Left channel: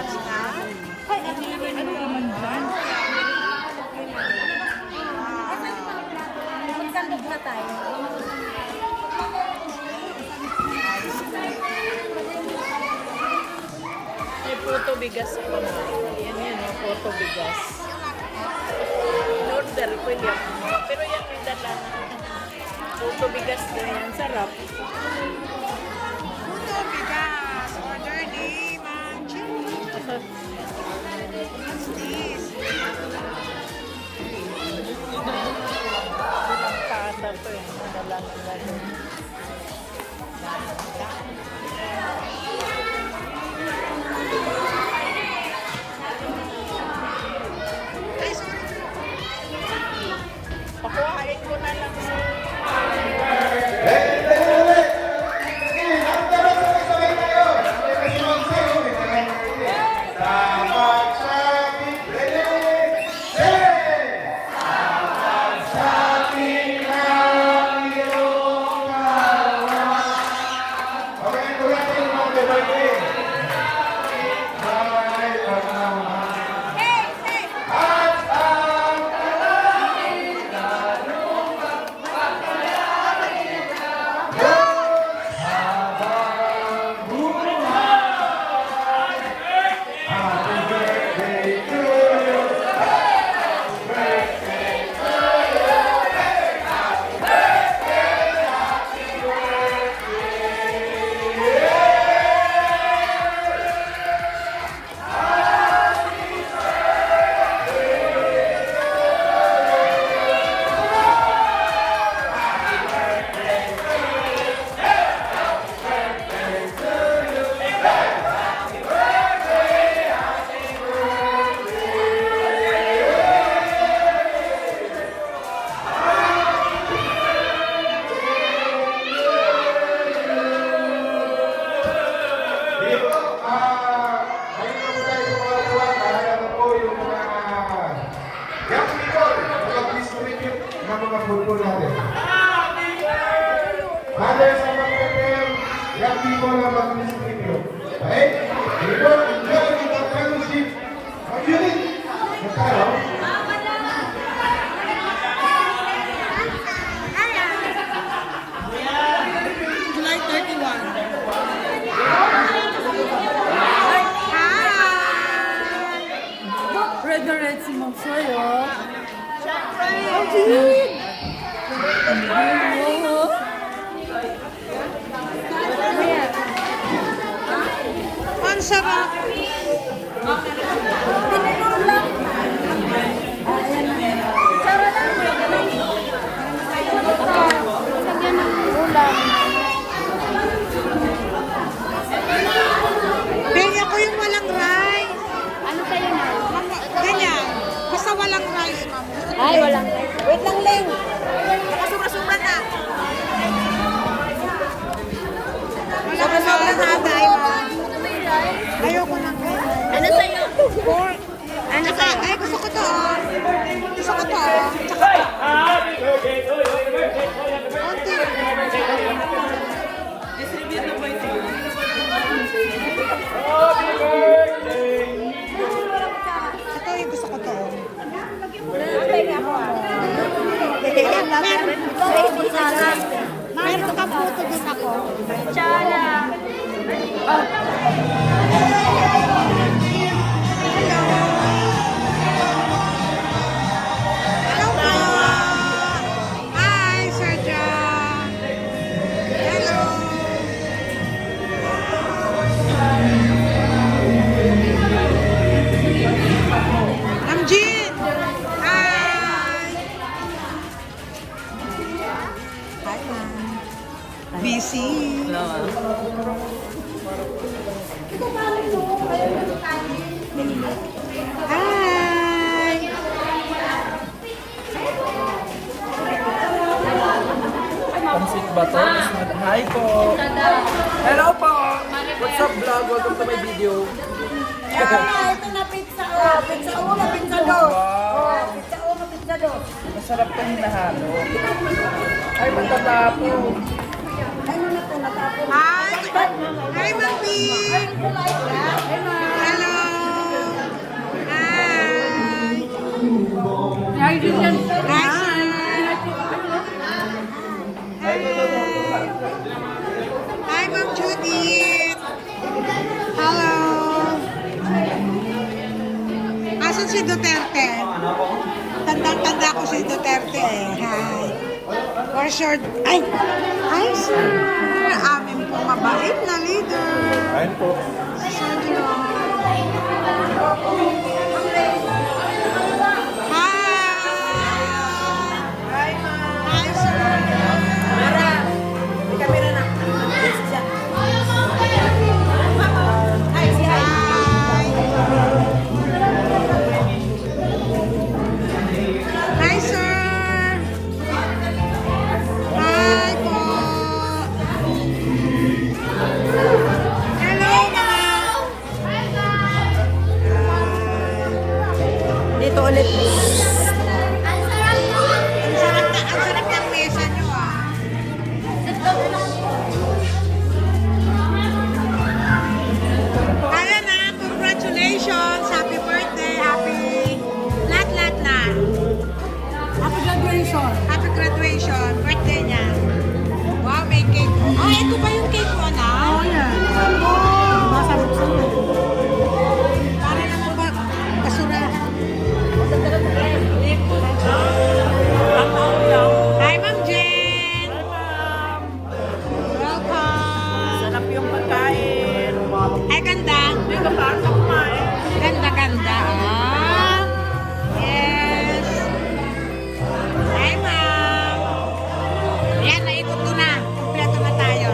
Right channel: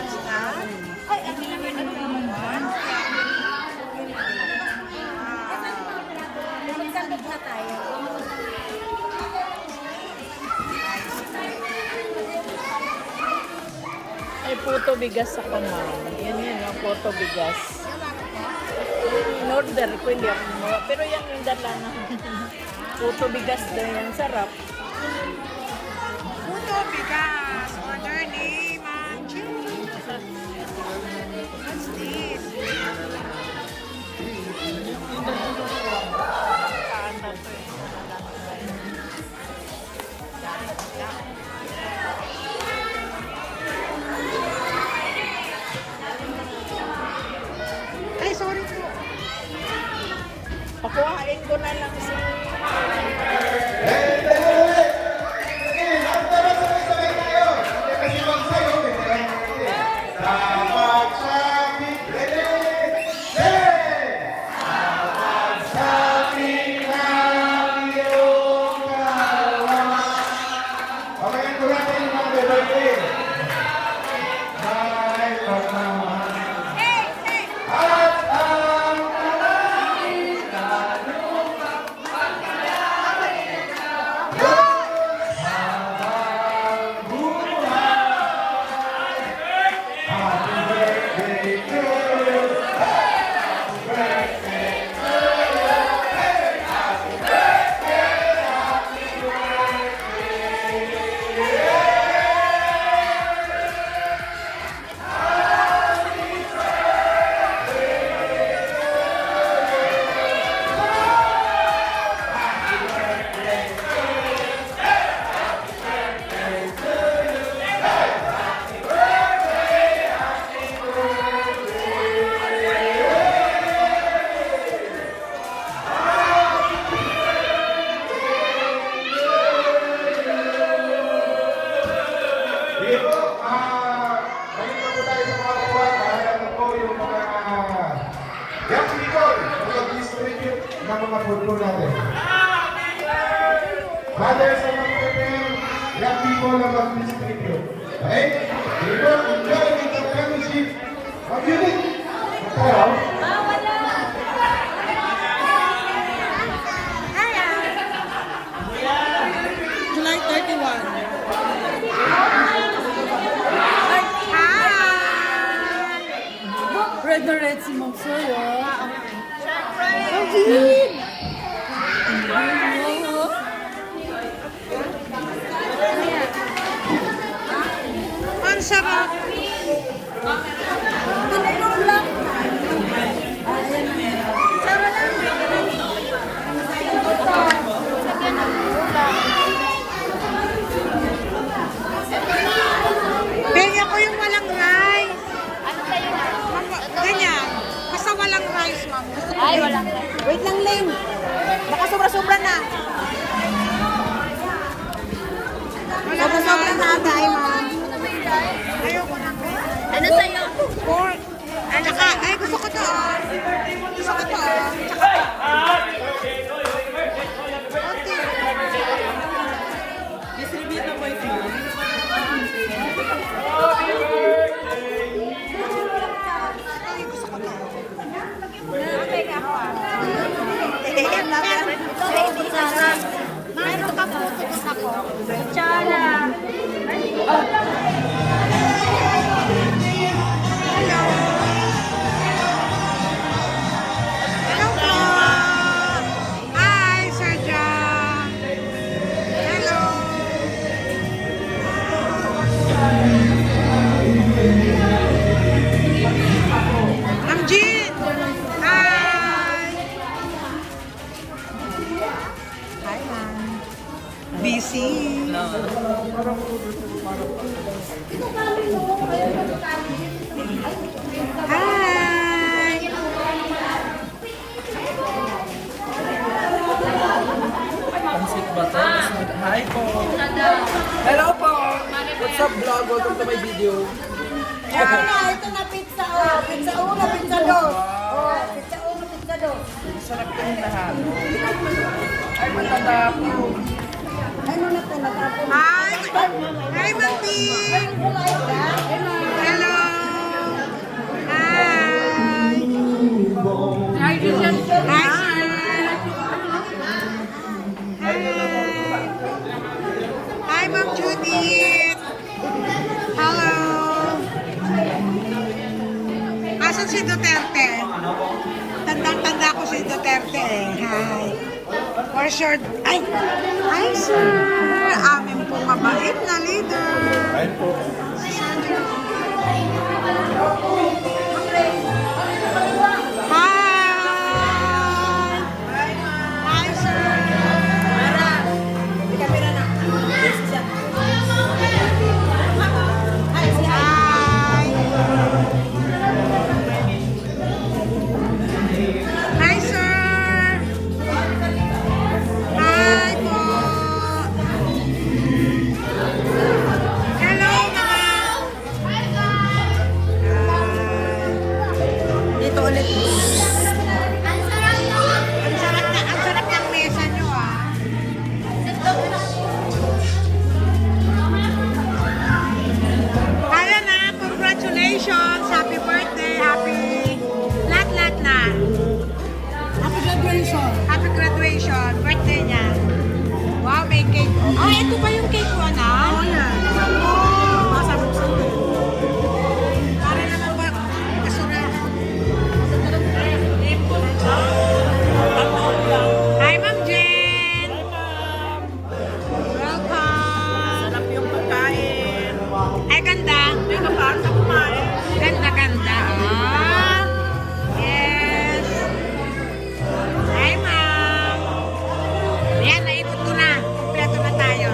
Masinat? Magsandok na tayo. Ay, puto bigas ako na. Yan yun, puto bigas. In-order ko yan. Pero yan yung dala na. Puto bigas din yan. Sarap. Puto bigas. Order ni Manju. What's this? Ay, sorry po. Ako, hain ko na lang sa... mga football natin. Father sa mga young people na mag-distribute. Okay? We don't enjoy the fellowship of unit. Mataraw. July 31. Red na red si Mom Soy, oh. Ang sarap. Pinainom lang. Kaya ko yung walang rice. Ganyan. Basta walang rice, ma'am. Ay, wala. Wait lang, Ling. Baka sobra-sobra na. Sobra-sobra na tayo, ma'am. Ayoko na. Ano sa'yo? Pork. Ay, gusto ko to. Gusto ko to. Tsaka to. Distribute na po ito. Ito yung gusto ko to. Meron ka po. Tignan ako. Hello. Hello po. Hi, Sir John. Hello. Ma'am Jean. Hi. Hi, ma'am. Busy. Hi. Pansik ba to? Hi po. Hello po. What's up vlog? Welcome to my video. Ah, ito na pizza. Oh, pizza uno, pizza dos. Oh, pizza uno, pizza dos. Masarap po yung lahat. Ay, matanda po. Ano na ito? Natapos. Hi. Hi, Ma'am Ping. Hello. si Duterte. Tandang-tanda ko si Duterte eh. Hi. For sure. Ay! Hi, sir! Amin po mabait na leader. Ayun po. Hi! Hi, sir! May camera na. Hi! Hi, sir! Hi po! Hello, mga! Dito ulit. Ang sarap ng mesa nyo, ah. Kaya na, congratulations! Happy birthday! Happy lahat na! Happy graduation. Happy graduation! Birthday niya! Wow, may cake! Ah, ito ba yung cake ko, na? Oh, yan. Wow! Hi, Ma'am Jen! Hi, Ma'am! Welcome! Sarap yung pagkain. Ay, ganda! Ganda. Ah. Yes! Hi, Ma'am! Ayan, naikot ko na. Kompleto na tayo.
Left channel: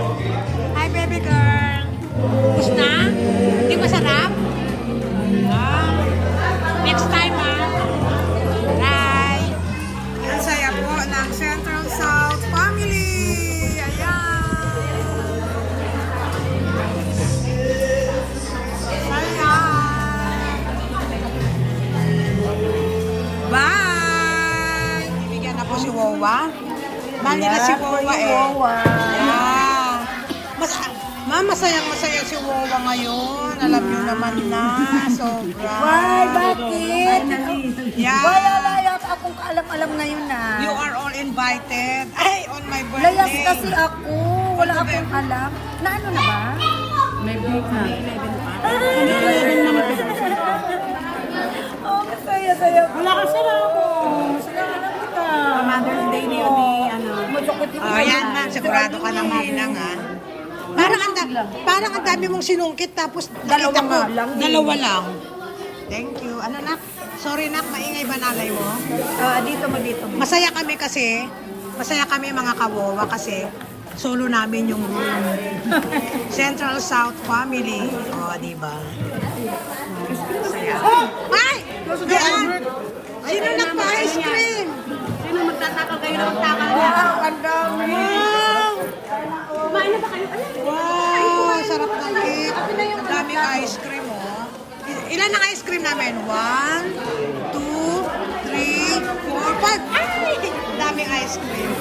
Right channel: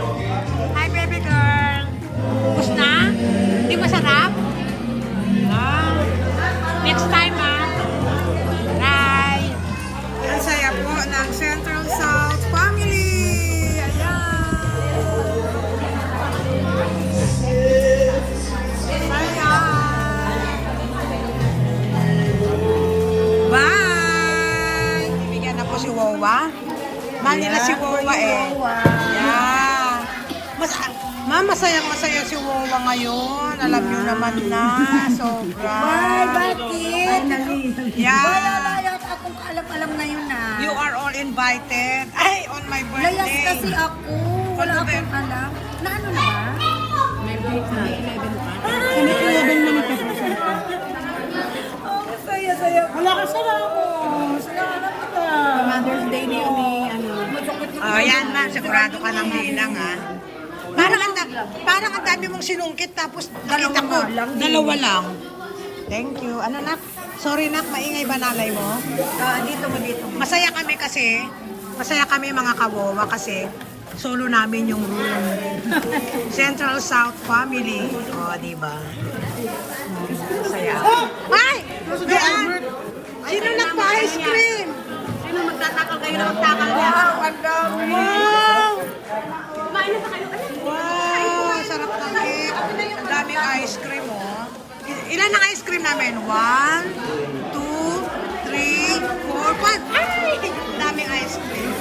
Hi, baby girl! Tapos na? Hindi masarap? Ah. Next time, ah. Bye! Ang saya po ng Central South Family! Ayan! Bye! Bigyan na po si Wawa. Mali na si Wawa eh. Yeah. Masayang-masaya si Wawa ngayon. Alam niyo naman na. Sobra. Why? Bakit? Yeah. Wala layak akong alam-alam na yun na. You are all invited. Ay, on my birthday. Layas kasi ako. Wala akong alam. Na ano na ba? May 11 pa. Ay! 11 na Oh, saya. Wala ka sana ako. Sinanap ka. Mother's Day na yun ni ano. Oh, yan ma'am. Sigurado ka ng bilang, ha? Parang ang dami mong sinungkit tapos nakita ko. Dalawa lang. Thank you. Ano, nak? Sorry, nak. Maingay ba nanay mo? Dito ba dito? Masaya kami kasi. Masaya kami mga kawawa kasi solo namin yung room. Central South Family. O, oh, diba? Masaya. Ay! Mayan! Sino nagpa-ice cream? Sino magtatakagay ng takagay? Wow! Wow! Sarap ng cake. Ang daming ice cream, oh. Ilan ang ice cream namin? 1, 2, 3, 4, 5. Ay! Ang daming ice cream.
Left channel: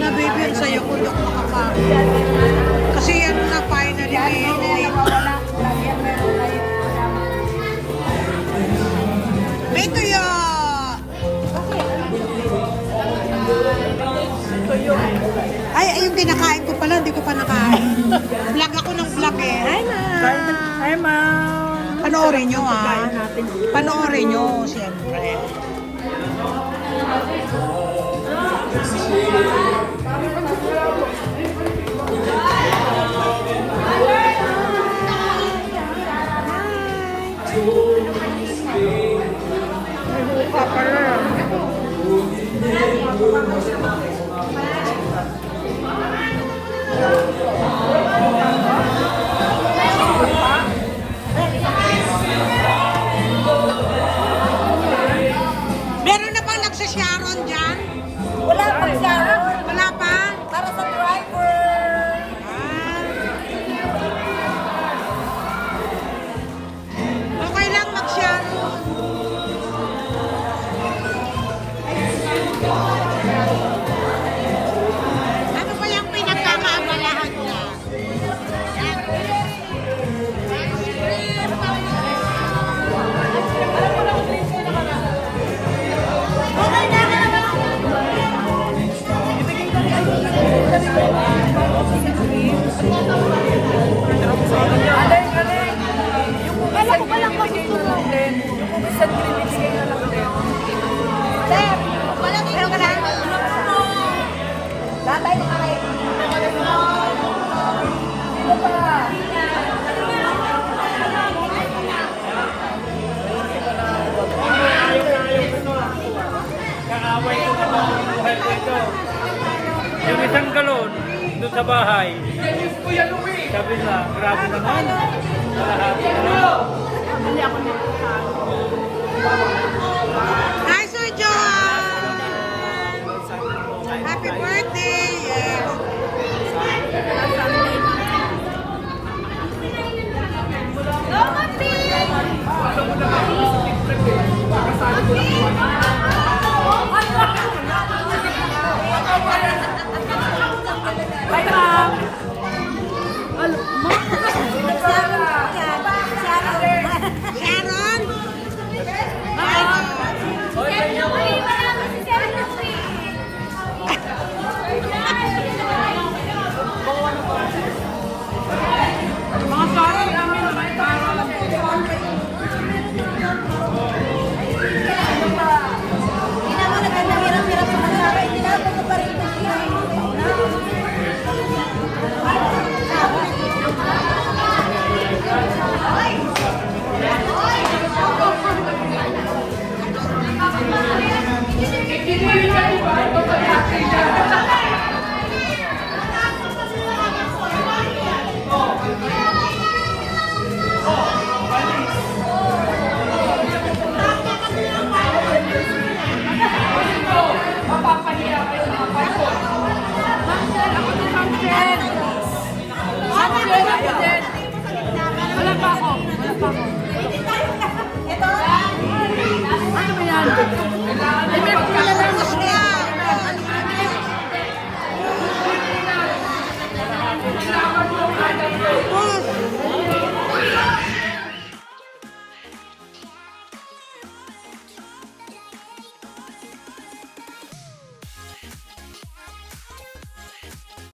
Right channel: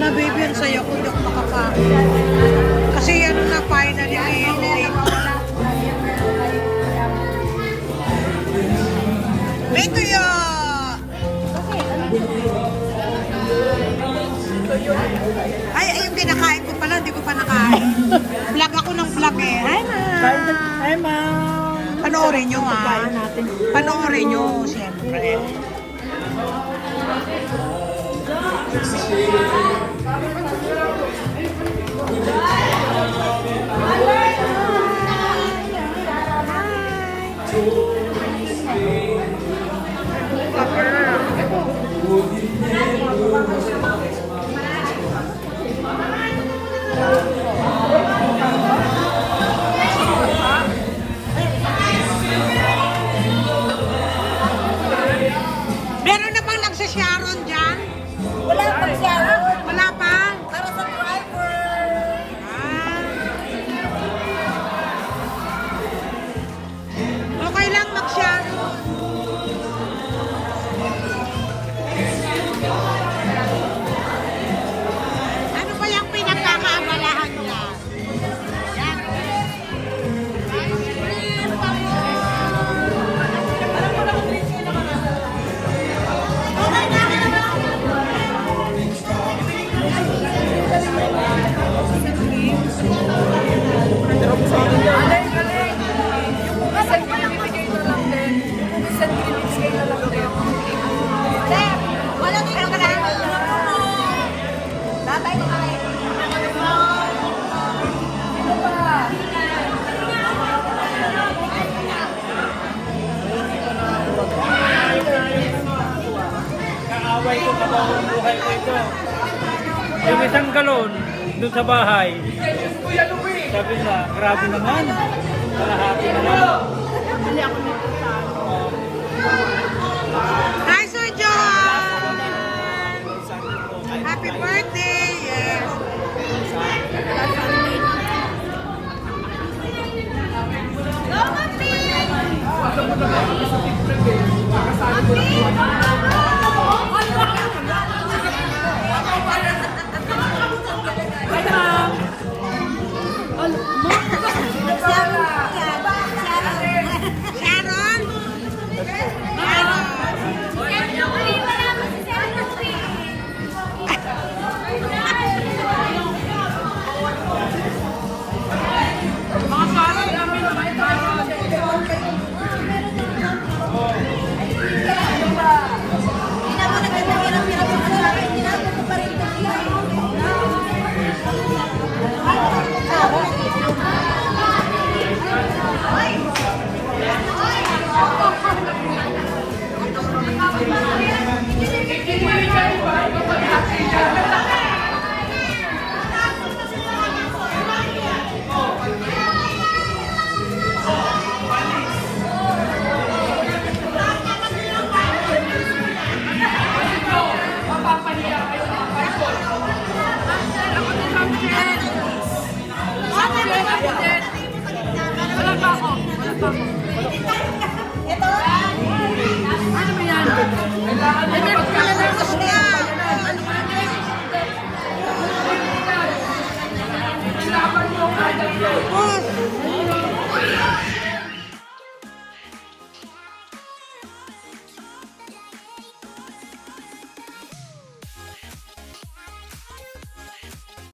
Na baby, ang saya ko. Hindi ako makakain. Kasi ano na, finally. Beto yo! Ay, yung pinakain ko pala, hindi ko pa nakain. Vlog ako ng vlog eh. Hi, ma'am! Hi, ma'am. Panoorin nyo, ha? Pagkain natin. Panoorin nyo, siyempre. Meron na bang nagsasharon dyan? Wala pang shower. Wala pa? Para sa driver. Ah. Okay lang mag-sharon. Ano ba yung pinagkakaabalahan niya? Yan. Ice cream, doon sa bahay. Sabi na, grabe naman. Kalahati naman. Hindi ako nito sa ano. Hi,